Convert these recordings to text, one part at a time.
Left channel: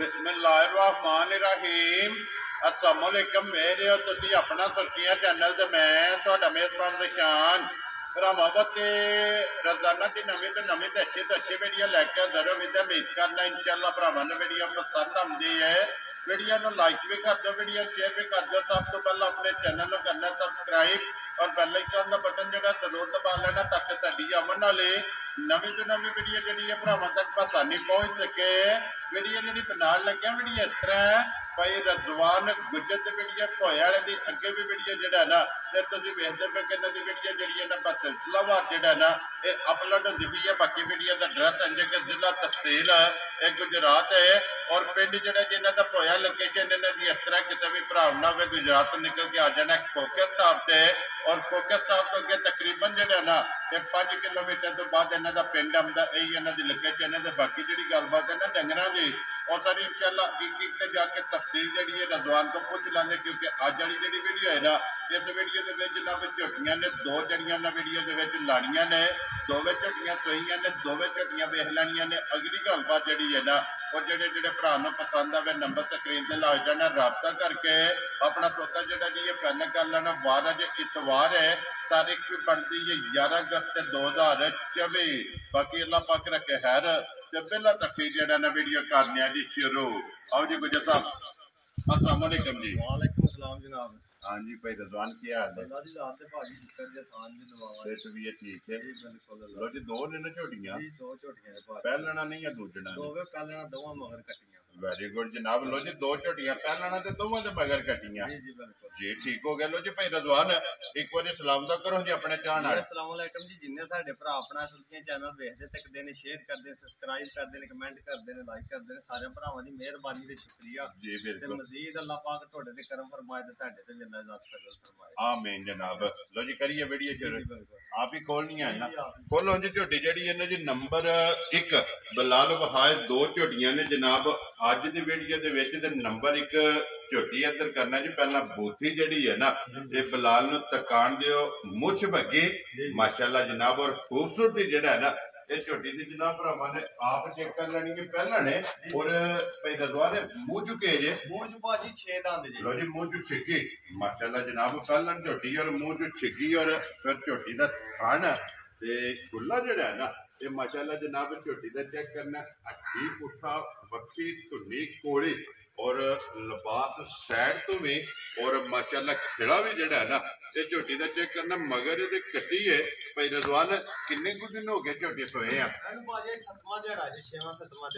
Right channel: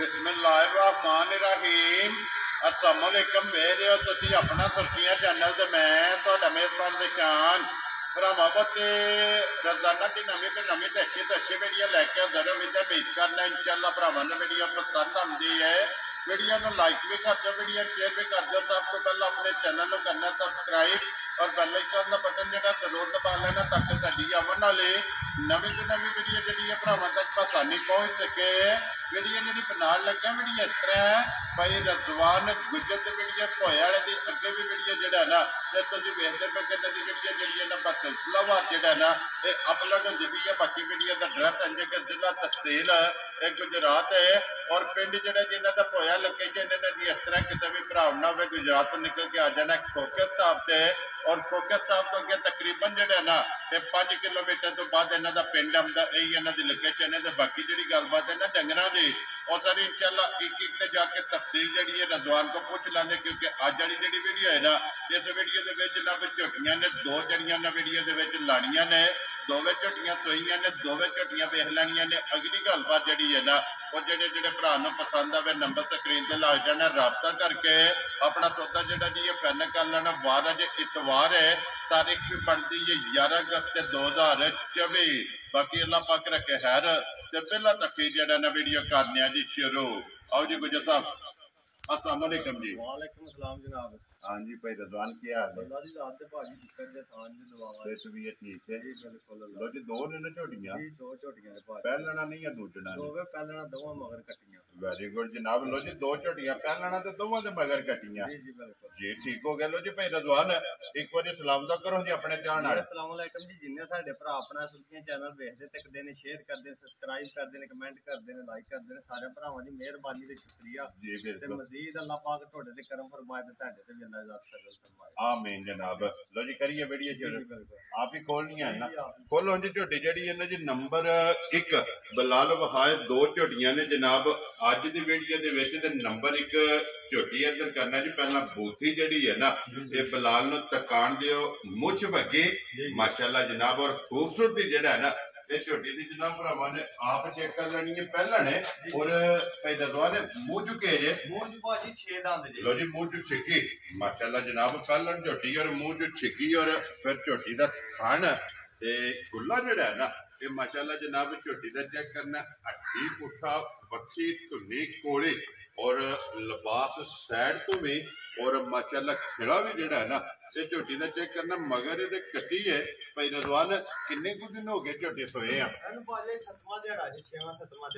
बिस्मिल्लाहिर्रहमानिर्रहीम अस्सलाम वालेकुम मेरे हो तुसी अपना सुर्खियां चैनल ते मैं तुहाडा मेज़बान निशान भरावां ते रोजाना की नवीं तो अच्छी वीडियो लैके हाज़र हो उम्मीद करना इंशाअल्लाह भरावां नूं वीडियो पसंद आती है। वीडियो नूं लाइक भी कर दो, वीडियो शेयर भी कर दो। सब तो पहले अपने चैनल नूं करना सबसक्राइब और बेल आइकन का बटन जो जरूर दबा लेना ताकि साडी आने वाली नवीं तो नवीं वीडियो जी भरावां तक आसानी पहुँच सके। वीडियो जी बना लगे वीडियो इस तरह भाई रजवान गुजर की वीडियो भोए वाले की अगे भी वीडियो जोड़ा ना तो तुम वेखते पे कि इन्हों की वीडियो जी ना बस सिलसिलावार जोड़ा ना ये अपलोड होती पई है। बाकी वीडियो का एड्रैस इंज के जिला तहसील गुजरात है और पिंड जोड़ा जिन्हों का भोया लोकेशन इन्हों की इस तरह किसी भी भरा ना हो गुजरात तो निकल के आ जाना खोखे स्टाप से और खोखे स्टाप तो अगे तकरीबन जोड़ा ना ये 5 किलोमीटर तो बाद इन्हों का पिंड आता यही इन्हों की लोकेशन है। बाकी जी गलबात है ना डंगर की और सारी इंशाअल्लाह एक एक जाके तफसील जी है रजवान को पूछ लेंगे क्योंकि अज वाली जी वीडियो है ना इस वीडियो के जनाब झोटियां ने दो जड़ियां ना वीडियो के लानिया ने दोवें झोटियां सोईया ने दोवें झोटियां वेख लैनिया ने। अगली गलबात जी है ना और जोड़े जोड़े भरा पसंद आए नंबर स्क्रीन से ला जाना रबता करके अपना सौदा जोड़ा जी ये फाइनल कर लेना। वार अज इतवार है तारीख भी बनती है 11 अगस्त 2024। बाकी अल्लाह पाक रखे खैर ते पहला तक जड़ा ना वीडियो करने जी शुरू। आओ जी गुजर साहब अस्सलाम वालेकुम जी। वालेकुम अस्सलाम जनाब। हाँ जी भाई रजवान की हाल है? अल्लाह दी रात ते भाजी शुक्र जे सान भी दुआवा सेहत भी है ठीक है जी बिल्कुल। लो जी दो ने ना झोटियां जी दो झोटियां है भाजी पहलना नहीं है दूजना ने दोवे पहलना दोवां मगर कटियां। वेरी गुड जनाब। लो जी दो झोटियां पहलना ते दोवां दे मगर कटियां जी जी बिल्कुल जी ठीक हो गया। लो जी भाई रजवान एक बार सलाम दा करो जी अपने चाहन वाले। अस्सलाम वालेकुम जी। जिन्ने साडे भरा अपना सुल्कियां चैनल देखदे तकदे ने शेयर करदे सब्सक्राइब करदे ने कमेंट करदे ने लाइक करदे ने सारे भरावां दी मेहरबानी ते शुक्रिया जी ते बिल्कुल मजीद अल्लाह पाक तोड़े ते करम फरमाए ते साडे ते भी अल्लाह इज़्ज़त फजल फरमाए आमीन जनाब। लो जी करिए वीडियो शुरू। बिल्कुल आप ही खोलनी है ना खोलो जी झोटी जी इन्हों जी नंबर 1 बलाल वहाए दो झोटियां ने जनाब अज की वीडियो के नंबर 1 झोटी इधर करना जी। पहला बूथी जड़ी है ना ये बलाल तकान दियो मुछ भगे माशाल्लाह जनाब और खूबसूरती जड़ा है ना ये झोटी की जनाब भरावां ने आप चेक कर लेनी है पहला ने और भाई रजवान मुंह चुके जे मूंज भाजी 6 दांत जी। लो जी मुंह चु छिकी माशाल्लाह जनाब पहला झोटी और मुंह चु छिकी और फिर झोटी का थान ते खुला जोड़ा है ना ये माशाल्लाह जनाब झोटी का चेक करना हड्डी पुट्ठा बखी धुनी कोली और लिबास सैड तो भी और माशाल्लाह खिला भी जड़ा है ना ये झोटी का चेक करना मगर ये कटी है भाई रजवान किन्ने कुछ दिन हो गए झोटी सोए हैं?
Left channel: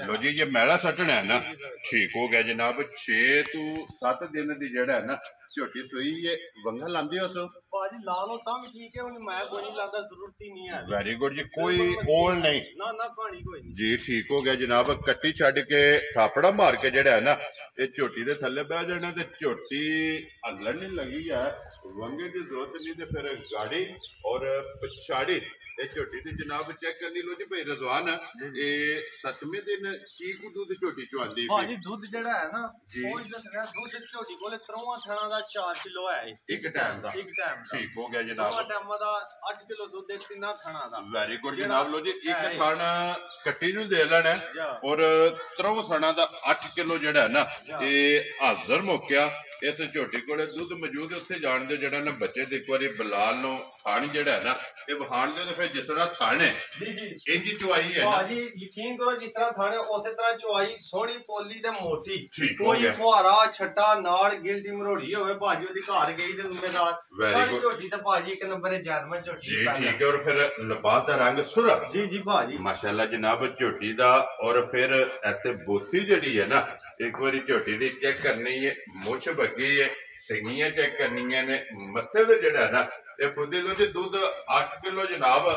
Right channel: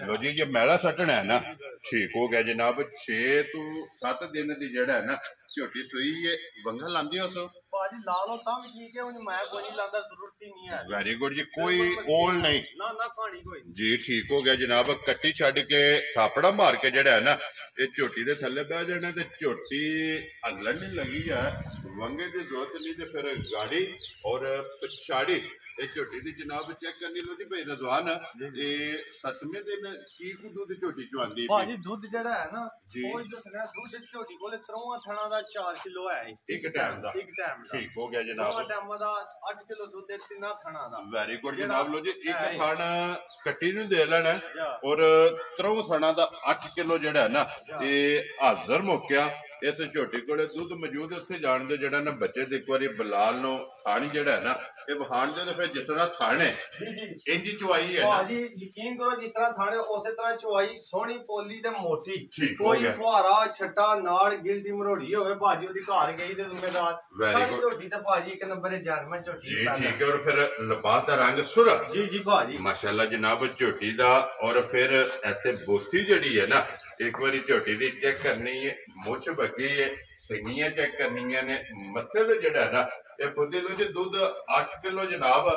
लो जी ये मैला सटना है ना ठीक हो गया जनाब 6 to 7 दिन की जड़ा है ना झोटी सोई है वंगा लांदे हो सो भाजी ला लो तम ठीक है मैं कोई नहीं लांदा जरूरत ही नहीं है। वेरी गुड जी कोई ओल नहीं ना ना कहानी कोई नहीं जी ठीक हो गया जनाब। कट्टी छड़ के थापड़ा मार के जड़ा है ना ये झोटी दे थल्ले बह जाना ते झोटी हलन नहीं लगी है वंगे की जरूरत नहीं ते फिर गाड़ी और पिछाड़ी ये झोटी दी जनाब चेक करनी। लो जी भाई रजवान ये 7वें दिन की दूध झोटी चवांदी भाजी दूध जड़ा है ना वो इधर गया दूध झोटी कोले 3 थणा दा 4 किलो है एक टाइम दा ठीक हो गया जनाब। 2 टाइम दा 8 किलो दूध 3 थणा दा वेरी गुड जनाब। लो जी एक थाना कट्टी नु दे लेना और 3 थाना दा 8 किलो जड़ा है ना ये हाजिर मुक्या इस झोटी को दुध मौजूद उत्थे जान दे जड़ा ना बच्चे एक बार बलाल नो थानी जड़ा है ना ये वहान दे फिर जिस तरह थाने इंज चवाई है भाजी यकीन करो जिस तरह थाने उस तरह चवाई सोहनी पोली ते मोटी कोई फुहारा छट्टा नाड़ गिलटी मरोड़ी होवे भाजी ओदी घर गई ते जिम्मेदार सारी झोटी ते भाजी एक नंबर जर्मन झोटी जी ठीक है और फिर लिबास दा रंग सुरा जी जी भाजी माशाल्लाह जनाब झोटी दा और फिर इत्थे बोसी जड़ी है ना एक बार झोटी दी चेक करनी है मुछ बगी है सिंगियां चेक करनी ने मत्थे ते जड़ा है ना ये खुद लो जी दूध 8 किलो जनाब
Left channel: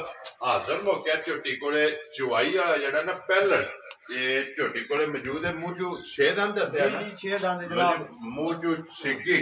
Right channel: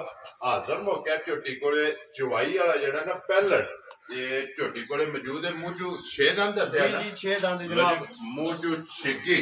हाजिर मौके झोटी कोले चवाई वाला जड़ा ना पहलन ये झोटी कोले मौजूद है मुंह चू 6 दांत दस्या जी 6 दांत जनाब मुंह चू छिकी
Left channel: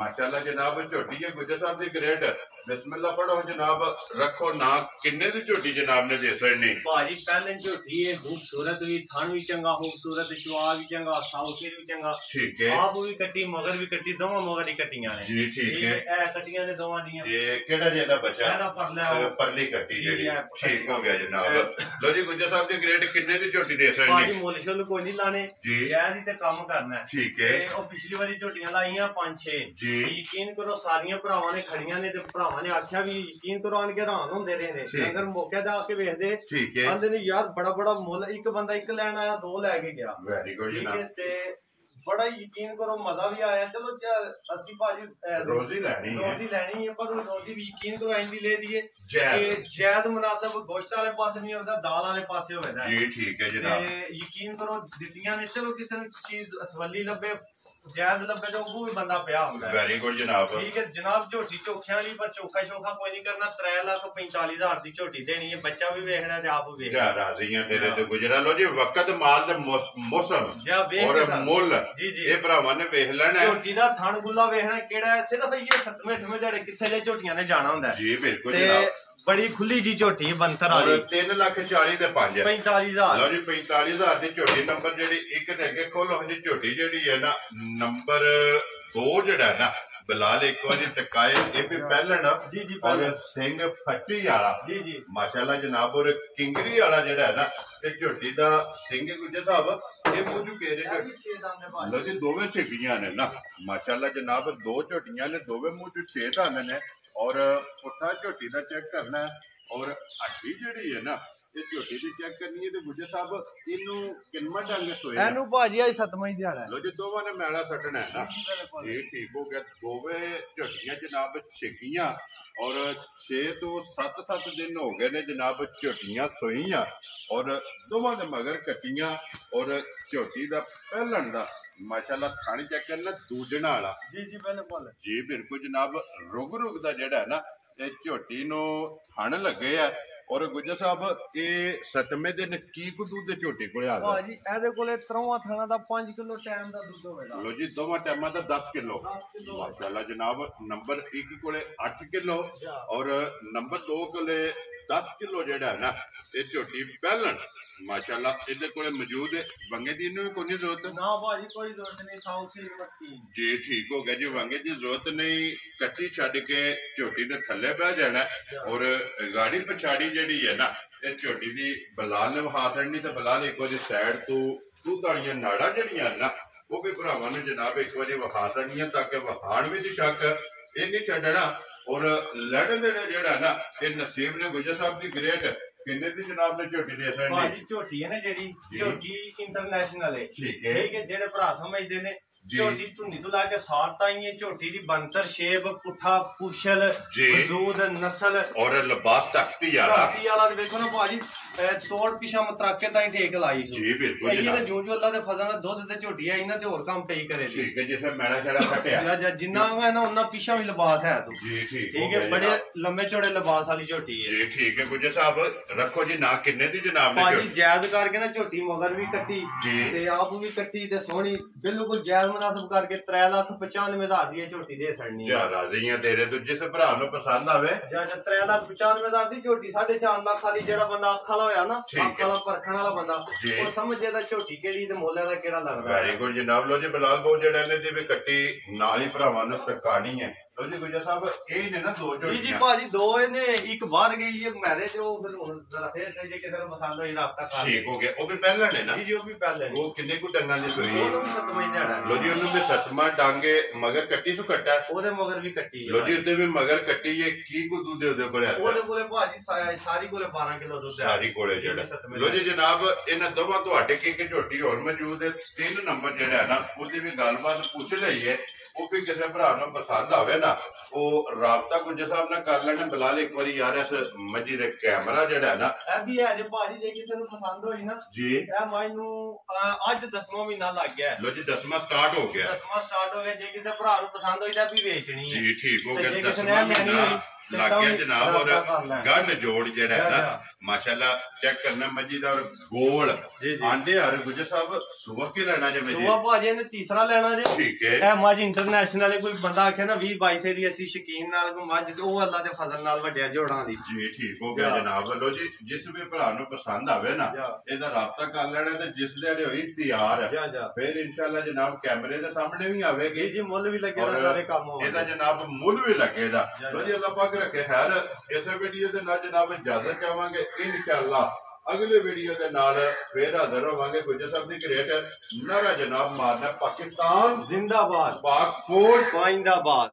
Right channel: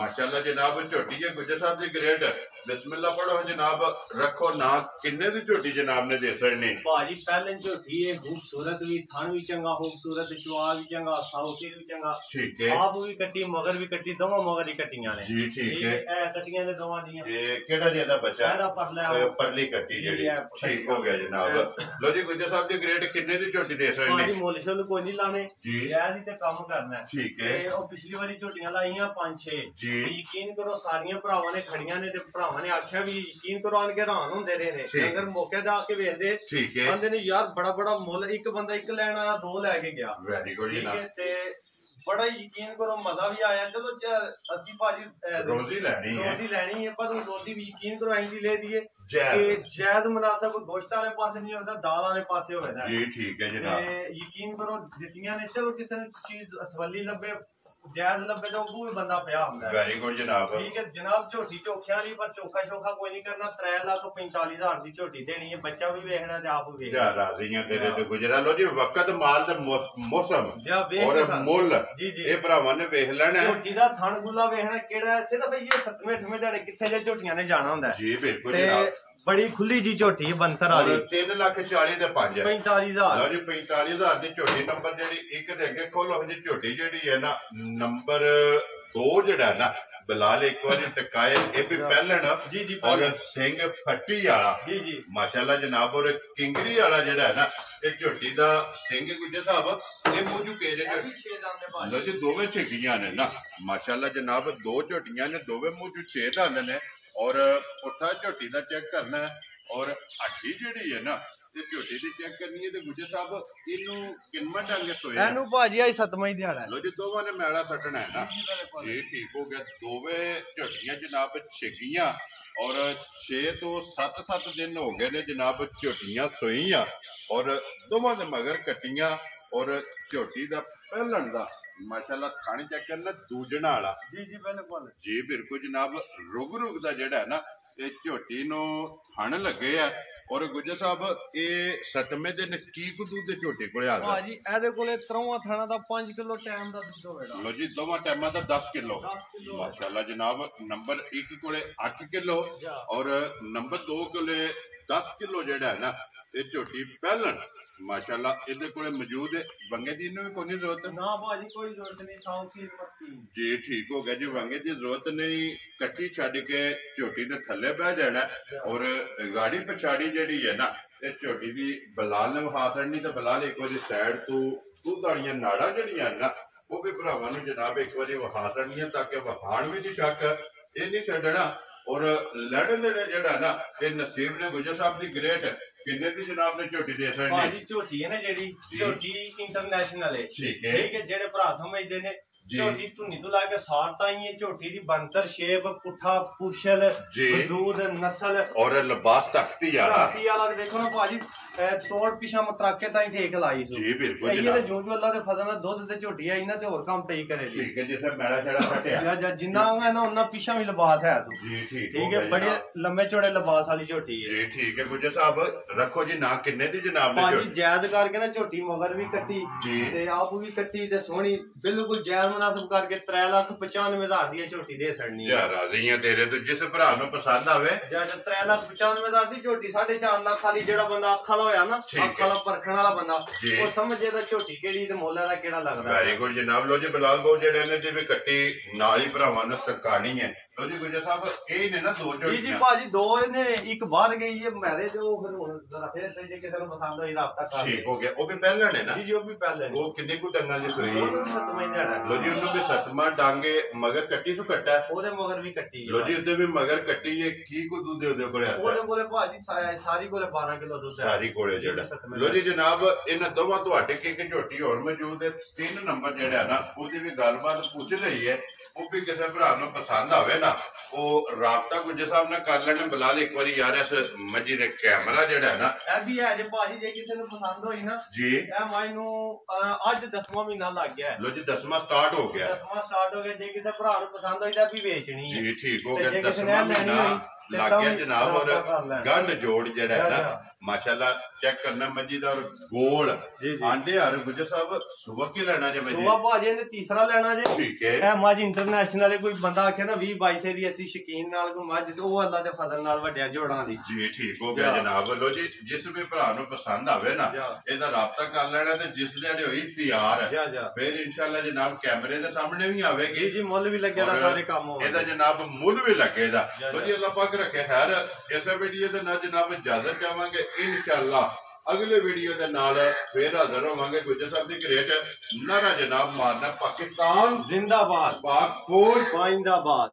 माशाल्लाह जनाब झोटी है गुजर साहब दी ग्रेड ਬਿਸਮਿਲ੍ਲਾ ਪੜੋ ਜਨਾਬ, ਰੱਖੋ ਨਾ। ਕਿੰਨੇ ਦੀ ਝੋਟੀ ਜਨਾਬ ਨੇ ਦੇ ਸਕਣੀ? ਭਾਜੀ ਪਹਿਲੇ ਝੋਟੀ ਹੈ, ਖੂਬਸੂਰਤ ਵੀ, ਥਣ ਵੀ ਚੰਗਾ ਖੂਬਸੂਰਤ, ਚੁਆ ਵੀ ਚੰਗਾ, ਸਾਉਸੀਰ ਵੀ ਚੰਗਾ, ਠੀਕ ਹੈ। ਆਪ ਵੀ ਕੱਟੀ, ਮਗਰ ਵੀ ਕੱਟੀ, ਦੋਵਾਂ ਮਗਰ ਹੀ ਕੱਟੀਆਂ ਨੇ ਜੀ ਠੀਕ ਹੈ। ਇਹ ਕੱਟੀਆਂ ਨੇ ਦੋਵਾਂ ਦੀਆਂ। ਇਹ ਕਿਹੜਾ ਜੀ ਇਹਦਾ ਬੱਚਾ? ਇਹਦਾ ਪਰਲਾ ਪਰਲੀ ਕੱਟੀ ਜਿਹੜੀ, ਠੀਕ ਹੋ ਗਿਆ ਜਨਾਬ। ਲੋ ਜੀ ਗੁੱਜਰ ਸਾਹਿਬ ਦੇ ਗ੍ਰੇਡ ਕਿੰਨੇ ਦੀ ਝੋਟੀ ਦੇ ਸਕਣੀ? ਭਾਜੀ ਮੁੱਲ ਸ਼ੁੱਲ ਕੋਈ ਨਹੀਂ ਲਾਣੇ ਜੀ, ਇਹ ਦੀ ਤੇ ਕੰਮ ਕਰਨਾ। ਠੀਕ ਹੈ। ਤੇ ਉਹ ਪਿਛਲੀ ਵਾਰੀ ਝੋਟੀਆਂ ਲਾਈਆਂ 5-6 ਜੀ, ਯਕੀਨ ਕਰੋ ਸਾਰੀਆਂ ਭਰਾਵਾਂ ਨੇ ਖੜੀਆਂ ਨੇ, ਤੇ ਭਰਾਵਾਂ ਨੇ ਆਖਿਆ ਵੀ ਯਕੀਨ ਕਰੋ ਆਣ ਕੇ ਹੈਰਾਨ ਹੁੰਦੇ ਰਹੇ ਨੇ, ਅਗਰ ਮੌਕੇ ਤੇ ਆ ਕੇ ਵੇਖਦੇ ਠੀਕ ਹੈ। ਕਹਿੰਦੇ ਨੇ ਯਾਰ ਬੜਾ ਮੁੱਲ, ਇੱਕ ਬੰਦਾ ਇੱਕ ਲੈਣ ਆਇਆ, 2 ਲੈ ਕੇ ਗਿਆ। ਵੈਰੀ ਗੁੱਡ ਠੀਕ ਜਨਾਬ। ਹੈ, ਤੇ ਬੜਾ ਯਕੀਨ ਕਰੋ ਮਜ਼ਾ ਵੀ ਆਇਆ। ਚਲੋ ਅਸੀਂ ਭਾਜੀ ਰੋਜ਼ੀ ਲੈਣੀ ਹੈ, ਪਰ ਰੋਜ਼ੀ ਵੀ ਯਕੀਨ ਕਰੋ ਇੰਜ ਲੈ ਦਈਏ ਜੈਦ ਕਿ ਜੈਦ ਮੁਨਾਸਬ ਗੋਸ਼ਤ ਵਾਲੇ ਪਾਸੇ ਨਹੀਂ ਹੁੰਦਾ, ਦਾਲ ਵਾਲੇ ਪਾਸੇ ਹੋਵੇਗਾ ਜੀ, ਠੀਕ ਹੈ ਜਨਾਬ। ਤੇ ਯਕੀਨ ਕਰੋ ਦਿੱਤੀਆਂ ਨੇ, ਚਲੋ ਕਿਸੇ ਨੂੰ ਚੀਜ਼ ਅਸਵੱਲੀ ਲੱਭੇ, ਜਾਇਜ਼ ਲੱਭੇ, ਤਾਂ ਉਹ ਵੀ ਬੰਦਾ ਪਿਆ ਹੁੰਦਾ। ਵੈਰੀ ਗੁੱਡ ਜਨਾਬ। ਠੀਕ ਹੈ ਜਨਾਬ, ਝੋਟੀ ਚੋਖਿਆਂ ਲਈ, ਪਰ ਚੋਖਾ ਕੋਈ ਨਹੀਂ ਕਰਨਾ। 3,45,000 ਦੀ ਝੋਟੀ ਦੇਣੀ ਹੈ, ਬੱਚਾ ਵੀ ਵੇਖਣਾ ਤੇ ਆਪ ਵੀ ਵੇਖਣਾ। ਰਾਜ਼ੀਆਂ ਤੇਰੇ ਤੇ ਗੁਜਰਾ। ਲੋ ਜੀ ਵਕਤ ਮਾਲ ਦਾ ਮੌਸਮ ਔਰ ਮੁੱਲ ਇਹ ਭਰਾਵਾਂ ਨੇ ਵੇਖ ਲੈਣਾ। ਝੋਟੀ ਦਾ ਥਣ ਗੁੱਲਾ ਵੇਖਣਾ ਕਿਹੜਾ ਹੈ, ਸਿਰਫ ਇਹ 7ਵੇਂ 8ਵੇਂ ਦਿਹਾੜੇ ਕਿੱਥੇ ਜੇ ਝੋਟੀਆਂ ਨੇ ਜਾਣਾ ਹੁੰਦਾ ਜੀ, ਬਿਲਕੁਲ ਜਨਾਬ। ਬੜੀ ਖੁੱਲੀ ਜੀ ਝੋਟੀ ਹੈ, ਬੰਤਰ ਵਾਲੀ। 3,40,000 ਦੇ 5 45,000। ਲਓ ਜੀ 45,000 ਦੀ ਝੋਟੀ। ਨੰਬਰ ਜਿਹੜੀ ਇੱਕ ਤੇ ਅੱਗੇ ਖੋਲੋ ਜੀ, ਝੋਟੀ ਜਿਹੜੀ ਹੈ ਨਾ ਨੰਬਰ 2 ਜਿਹੜਾ ਨਾ ਬਲਾਲ ਇੱਕ ਵਾਰੀ ਤਕਾਏ, ਇਹ ਵੀ ਪਹਿਲਣ ਔਰ ਸਿੰਘ ਫੱਟੀ ਵਾਲਾ ਜੀ ਮਾਸ਼ਾਅੱਲਾ ਜਨਾਬ। ਔਰ ਕਿੰਗਰੀ ਵਾਲਾ ਜਿਹੜਾ ਹੈ ਨਾ ਇਹ ਝੋਟੀ ਦਾ ਸਿੰਘ ਗੁੱਜਰ ਸਾਹਿਬ, ਇਹ ਮੂੰਹ ਚੁਕੇ ਜੇ ਲਓ ਜੀ, ਦੋਵੇਂ ਛਿੱਕੀਆਂ ਨੇ ਨਾ ਮਾਸ਼ਾਅੱਲਾ ਜਨਾਬ। 2 ਝੋਟੀਆਂ ਨੇ, ਦੋਵੇਂ ਮੂੰਹ ਚ 6 ਦੰਦ ਨੇ। ਔਰ ਪੁੱਠਾ ਝੋਟੀ ਦਾ ਚੈੱਕ ਕਰਨਾ ਹੈ, ਔਰ ਹੱਡੀ ਜਿਹੜੀ ਹੈ ਨਾ ਤੇ ਝੋਟੀ ਦੀ ਚੈੱਕ ਕਰਨੀ ਹੈ। ਤੇ ਗੁੱਜਰ ਸਾਹਿਬ ਇਹਨੂੰ ਕਿੰਨਾ ਡੰਗੇ ਸੋਏ ਇਹਨੂੰ ਭਾਜੀ ਅੱਜ 7ਵਾਂ ਹੀ ਦਿਹਾੜਾ। ਲੋ ਜੀ ਦੋਵਾਂ ਨੇ ਮੈਲਾ ਸੱਟਣਾ ਹੈ ਨਾ, ਇਹ ਠੀਕ ਹੋ ਗਿਆ। ਦੋਵੇਂ ਝੋਟੀਆਂ ਜਨਾਬ ਛਿੱਕੀਆਂ, ਔਰ 6 ਤੋਂ 7 ਦਿਨ ਹੋ ਗਏ ਨੇ ਜਨਾਬ ਝੋਟੀਆਂ ਸੋਈਆਂ, ਔਰ ਦੋਵਾਂ ਦੇ ਮਗਰ ਕੱਟੀਆਂ। ਔਰ ਝੋਟੀ ਦਾ ਪਹਿਲਣ ਦਾ ਮਾਸ਼ਾਅੱਲਾ ਖਾਣੀ ਚੈੱਕ ਕਰਨਾ ਦੂਜਣਾ ਵਾਲਾ ਜੀ ਬਿਲਕੁਲ ਜੀ, ਬਿਲਕੁਲ ਜਨਾਬ। ਰੁਗ ਦਾ ਜਿਹੜਾ ਨਾ ਇਹ ਝੋਟੀ ਨੂੰ ਥਣ ਲੱਗੇ ਆ। ਔਰ ਗੁੱਜਰ ਸਾਹਿਬ ਇਹ 7ਵੇਂ ਦਿਨ ਕੀ ਕੁ ਦੁੱਧ ਦੇ ਝੋਟੀ ਕੋਲੇ ਆ ਗਿਆ? ਭਾਜੀ ਇਹਦੇ ਕੋਲੇ 3ਵਾਂ ਥਣਾ ਦਾ 5 ਕਿਲੋ ਟਾਈਮ ਦਾ ਦੁੱਧ ਹੋਵੇਗਾ। ਲੋ ਜੀ ਦੋਵਾਂ ਟਾਈਮਾਂ ਦਾ 10 ਕਿਲੋ ਮਾਸ਼ਾਅੱਲਾ ਜਨਾਬ। ਨੰਬਰ 1 ਕੋਲੇ 8 ਕਿਲੋ ਔਰ ਨੰਬਰ 2 ਕੋਲੇ 10 ਕਿਲੋ ਜਿਹੜਾ ਹੈ ਨਾ ਇਹ ਝੋਟੀ ਪਹਿਲਣ ਮਾਸ਼ਾਅੱਲਾ ਇਹਦੇ ਕੋਲੇ ਮੌਜੂਦ ਹੈ। ਵੰਗੇ ਦੀ ਨੂੰ ਕੋਈ ਜ਼ਰੂਰਤ ਨਾ ਭਾਜੀ, ਕੋਈ ਜ਼ਰੂਰਤ ਨਹੀਂ। ਸਾਊਸੀ ਮੱਕੀ ਜੀ, ਠੀਕ ਹੋ ਗਿਆ ਜੀ। ਵੰਗੇ ਦੀ ਜ਼ਰੂਰਤ ਨਹੀਂ, ਕੱਟੀ ਛੱਡ ਕੇ ਝੋਟੀ ਦੇ ਥੱਲੇ ਬਹਿ ਜਾਣਾ। ਔਰ ਗਾੜੀ ਪਛਾੜੀ ਜਿਹੜੀ ਹੈ ਨਾ ਇਹ ਝੋਟੀ ਦੀ ਬਲਾਲ ਨੇ ਵਹਾ ਛੱਡਣੀ, ਤੇ ਬਲਾਲ ਇੱਕ ਵਾਰੀ ਸਾਈਡ ਤੋਂ ਦੁੱਧ ਵਾਲੀਆਂ ਨਾੜਾਂ ਜਿਹੜੀਆਂ ਨਾ ਉਹ ਵੀ ਭਰਾਵਾਂ ਨੂੰ ਜਨਾਬ ਇੱਕ ਵਾਰੀ ਵਹਾ ਛੱਡਣੀਆਂ, ਤਾਂ ਕਿ ਵਹਾਣ ਵਿੱਚ ਸ਼ੱਕ ਇਹ ਨਹੀਂ ਛੱਡਣਾ। ਔਰ ਲੜਨ ਦੇ ਜਿਹੜਾ ਨਾ ਇਹ ਨਸੀਬ ਨੇ ਗੁੱਜਰ ਸਾਹਿਬ ਦੀ ਗ੍ਰੇਟ ਕਿੰਨੇ ਦੀ ਜਨਾਬ ਨੇ ਝੋਟੀ ਦੇ ਸਕਣੀ? ਭਾਜੀ ਝੋਟੀ ਹੈ ਨਾ ਜਿਹੜੀ ਝੋਟੀ ਇੰਟਰਨੈਸ਼ਨਲ ਹੈ। ਠੀਕ ਹੈ, ਜਿਹੜੇ ਭਰਾ ਸਮਝਦੇ ਨੇ ਝੋਟੀ ਧੁੰਨੀ ਤੋਂ ਲਾ ਕੇ ਸਾਰ ਤਾਈ ਹੈ। ਝੋਟੀ ਦੀ ਬੰਤਰ ਸ਼ੇਪ, ਪੁੱਠਾ ਪੁਛਲ, ਵਜੂਦ, ਨਸਲ ਔਰ ਲਿਬਾਸ ਤਖਤੀ ਵਾਲਾ ਵੇਖੋ ਨਾ ਭਾਜੀ, ਤੋੜ ਪਿਛਾ ਮਤਰਾਕੇ ਤਾਈ ਠੇਕ ਲਾਈ ਸੀ ਜੀ, ਬਿਲਕੁਲ ਜਨਾਬ। ਜੋ ਅੱਲਾ ਦੇ ਫਜ਼ਲ ਨਾਲ ਦੁੱਧ ਤੇ ਝੋਟੀ ਆਈ ਨਾ ਤੇ ਹੋਰ ਕੰਮ ਪਈ ਕਰੇ ਸੀ। ਠੀਕ ਹੈ, ਜਿੱਥੇ ਮੈਲਾ ਛੜਾ ਫਟਿਆ ਜਿੰਨਾ ਹੋਇਆ ਨਾ ਉਹਨਾਂ ਪਿਛਾ ਵੀ ਲਿਬਾਸ ਹੈ ਸੋ ਜੀ। ਠੀਕ ਹੈ, ਬੜੇ ਲੰਮੇ ਚੌੜੇ ਲਿਬਾਸ ਵਾਲੀ ਝੋਟੀ ਹੈ ਜੀ। ਠੀਕ ਹੈ ਗੁੱਜਰ ਸਾਹਿਬ, ਰੱਖੋ ਜੀ ਨਾ ਕਿੰਨੇ ਦੀ ਜਨਾਬ ਨੇ ਭਾਜੀ? ਜਾਇਜ਼ ਕਰਕੇ ਨਾ ਝੋਟੀ ਮਗਰ ਵੀ ਕੱਟੀ ਜੀ ਤੇ ਆਪ ਵੀ ਕੱਟੀ ਤੇ ਸੋਹਣੀ, ਬਿਲਕੁਲ ਜਾਇਜ਼ ਮੁਨਾਸਬ ਕਰਕੇ 3,95,000 ਦੀ ਝੋਟੀ ਦੇ ਛੜਨੀ ਹੈ। ਰਾਜ਼ੀਆਂ ਤੇਰੇ ਤੋਂ, ਜਿਸ ਭਰਾ ਨੂੰ ਪਸੰਦ ਆਵੇ। 3,95,000 ਦੀ ਝੋਟੀ 4.5 ਲੱਖ ਵਾਲੀ, ਜਿਹੜਾ ਬੰਦਾ ਅੱਖਾਂ ਹੋਇਆ ਨਾ, ਅੱਖਾਂ ਪਰਖਣ ਵਾਲਾ ਬੰਦਾ, ਉਹ ਸਮਝੇ ਤਾਂ ਝੋਟੀ ਕਿਹੜੀ ਤੇ ਮੁੱਲ ਦਾ ਕਿਹੜਾ ਲੱਗਦਾ। ਵੈਰੀ ਗੁੱਡ ਜਨਾਬ। ਲੋ ਜੀ ਬਲਾਲ ਬੋ ਜਿਹੜੇ ਨੇ ਦੀ ਵੀ ਕੱਟੀ ਨਾਲ ਹੀ ਭਰਾਵਾਂ ਨੂੰ ਤਕਾਣੀ ਹੈ। ਲੋ ਜੀ ਗੁੱਜਰ ਸਾਹਿਬ ਇਹ ਨੇ ਨਾ 2 ਝੋਟੀਆਂ ਜੀ ਭਾਜੀ, 2 ਇਹਨੇ, ਇੱਕ ਬਾਹਰ ਗਈ ਹੈ ਮੈਰਿਜ, ਉਹ ਫਿਰ ਹੁਣ ਜ਼ਰਾ ਫੇਰ ਜੇ ਕਿਸੇ ਨੂੰ ਪਸੰਦ ਹੋਈ ਰਾਬਤਾ ਕਰ ਠੀਕ ਹੋ ਗਿਆ। ਉਹ ਵੀ ਪਹਿਲਾਂ ਨੇ ਨਾ ਜੀ, ਉਹ ਵੀ ਪਹਿਲਾਂ ਨੇ। ਉਹ ਕਿੰਨੇ ਕੁ ਡੰਗਾਂ ਦੀ ਸੋਈ? ਉਹਨੂੰ ਵੀ 7ਵਾਂ ਦਿਹਾੜਾ। ਲੋ ਜੀ ਉਹਨੂੰ ਵੀ 7ਵਾਂ ਡਾਂਗੇ ਮਗਰ ਕੱਟੀ ਸੋ ਕੱਟਾ, ਉਹਦੇ ਮਗਰ ਵੀ ਕੱਟੀ। ਲੋ ਜੀ ਉਹਦੇ ਵੀ ਮਗਰ ਕੱਟੀ ਹੈ। ਕੀ ਕੋ ਦੁੱਧ ਉਹਦੇ ਕੋਲੇ ਆਇਆ? ਉਹਦੇ ਕੋਲੇ ਭਾਜੀ ਸਾਰੀ ਕੋਲੇ 12 ਕਿਲੋ ਦੁੱਧ ਹੈ ਸਾਰੀ ਕੋਲੇ ਜਿਹੜਾ। ਲੋ ਜੀ ਜਨਾਬ ਇਹਨਾਂ ਦੋਵਾਂ ਤੁਹਾਡੇ ਕੀ ਝੋਟੀ ਹੋਰ ਮੌਜੂਦ ਹੈ। 3 ਨੰਬਰ ਜਿਹੜਾ ਹੈ ਨਾ ਉਹਦੀ ਵੀ ਗੱਲਬਾਤ ਪੁੱਛ ਲਈ ਹੈ। ਉਹ ਵੀ ਕਿਸੇ ਭਰਾ ਨੂੰ ਪਸੰਦ ਆਵੇ ਨਾ ਉਹ ਰਾਬਤਾ ਗੁੱਜਰ ਸਾਹਿਬ ਨਾਲ ਕਰ ਲੈਣਾ। ਬਲਾਲ ਇੱਕ ਵਾਰੀ ਯਾਰ ਇਸ ਮੱਜੀ ਦੇ ਕੈਮਰਾ ਜਿਹੜਾ ਨਾ ਇਹ ਵੀ ਹੈ ਜੇ ਭਾਜੀ, ਜੇ ਕਿਸੇ ਨੂੰ ਪਸੰਦ ਹੋਈ ਨਾ ਜੀ, ਇਹ ਮੈਨੂੰ ਅੱਜ 10ਵਾਂ ਮਹੀਨਾ ਲੱਗ ਗਿਆ। ਲੋ ਜੀ 10ਵਾਂ ਸਟਾਰਟ ਹੋ ਗਿਆ। 10ਵਾਂ ਸਟਾਰਟ ਹੋ ਗਿਆ। ਜੇ ਕਿਸੇ ਭਰਾ ਨੂੰ ਪਸੰਦ ਹੋਈ ਤਾਂ ਵੀ ਵੇਚਣੀ ਹੈ ਜੀ। ਠੀਕ ਹੋ ਗਿਆ। 10ਵਾਂ ਮਹੀਨਾ ਲੱਗ ਗਿਆ ਜਨਾਬ। ਔਰ ਗੰਢ ਜੋੜ ਜਿਹੜਾ ਹੈ ਨਾ माशाल्लाह चेक करना मजीद और गोल आंडे हर गुजर साहब सुबह के लेना जे मजीद सुबह भाजी ने तीसरा लेना जे ठीक है ए मज इंटरनेशनल वाले कोई बंदा आखे ना 20 22 दी ਅਸੀਂ ਸ਼ਕੀਨ ਨਾਲ ਕੋ ਮੱਝ ਤੇ ਉਹ ਅੱਲਾ ਦੇ ਫਜ਼ਲ ਨਾਲ ਵੱਡਿਆ ਜੋੜਾਂ ਦੀ ਜੀ ਠੀਕ ਹੋ ਗਿਆ ਜਨਾਬ। ਲੋ ਜੀ ਜਿਸ ਵੀ ਭਰਾ ਨੂੰ ਪਸੰਦ ਆਵੇ ਨਾ ਇਹਦਾ ਰਾਬਤਾ ਕਰ ਲੈਣਾ ਤੇ ਜਿਸ ਦਿਹਾੜੇ ਹੋਈ ਤਿਆਰ ਹੈ ਫਿਰ ਇਨਸ਼ਾਅੱਲਾ ਜਨਾਬ ਕੈਮਰੇ ਦੇ ਸਾਹਮਣੇ ਵੀ ਆਵੇਗੀ ਜੀ ਮੁੱਲ ਵੀ ਲੱਗੇਗਾ ਸਾਰੇ ਕੰਮ ਹੋਵੇ ਇਹਦਾ ਜਨਾਬ ਮੁੱਲ ਵੀ ਲੱਗੇਗਾ। ਲੋ ਜੀ ਅੱਲਾ ਪਾਕ ਰੱਖੇ ਖੈਰ। ਇਸੇ ਵੀਡੀਓ ਦੇ ਨਾਲ ਜਨਾਬ ਇਜਾਜ਼ਤ ਚਾਹਾਂਗੇ इंशाअल्लाह अगले वीडियो के नाल फिर हाजिर होवांगे। गुजर साहब दी ग्रेट नारा जनाब मारना पाकिस्तान जिंदाबाद पाक फौज जिंदाबाद।